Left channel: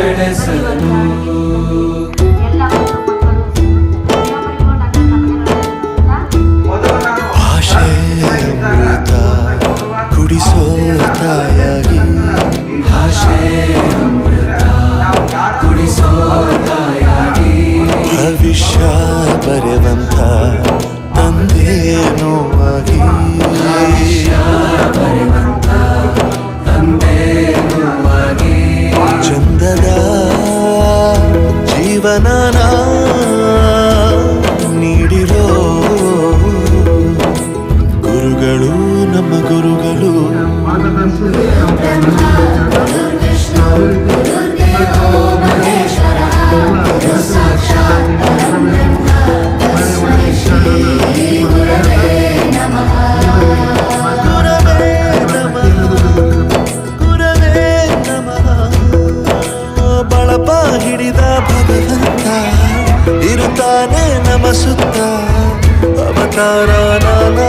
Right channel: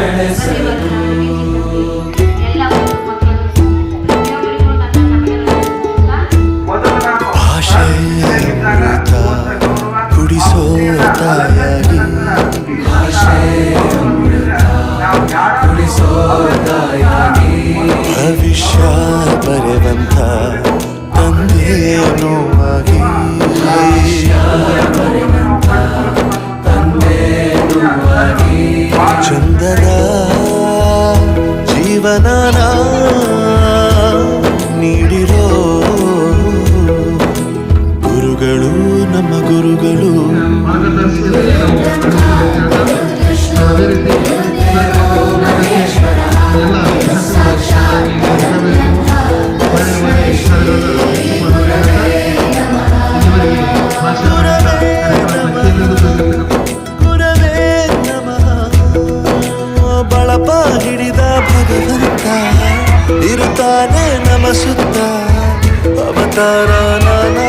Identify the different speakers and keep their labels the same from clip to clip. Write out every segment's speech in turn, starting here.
Speaker 1: ಬೆಳೆಸಲು
Speaker 2: ಭಾಷೆ ಅಮೃತ ಕುಡಿಸೋ ತಾಯಾಗಿ ಭವಿಷ್ಯ ಬರೆವಂತ ತಂದೇನೋ ಆಗಿ ಜೀವನನ ನೀಡಿರೋ ಗುರುಗಳು ನಮ್ಮ ಗುರುಗಳು. ಇರುತ್ತಾನೆ ನಮ ಸುತ್ತ ಅವತಾರ ನಾನಾ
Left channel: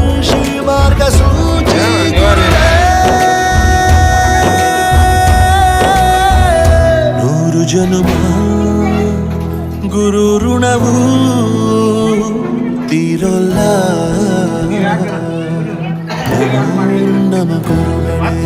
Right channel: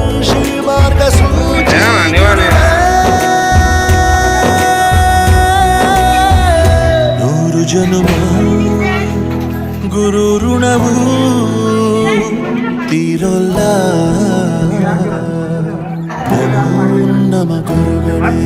Speaker 2: ಮಾರ್ಗಸೂಚಿ ಗುರುವೇ. ನೂರು ಜನುಮ ಗುರು ಋಣವು ತೀರೊಲ್ಲ ನಮೋ ನಮ ಗುರುಗಳೇ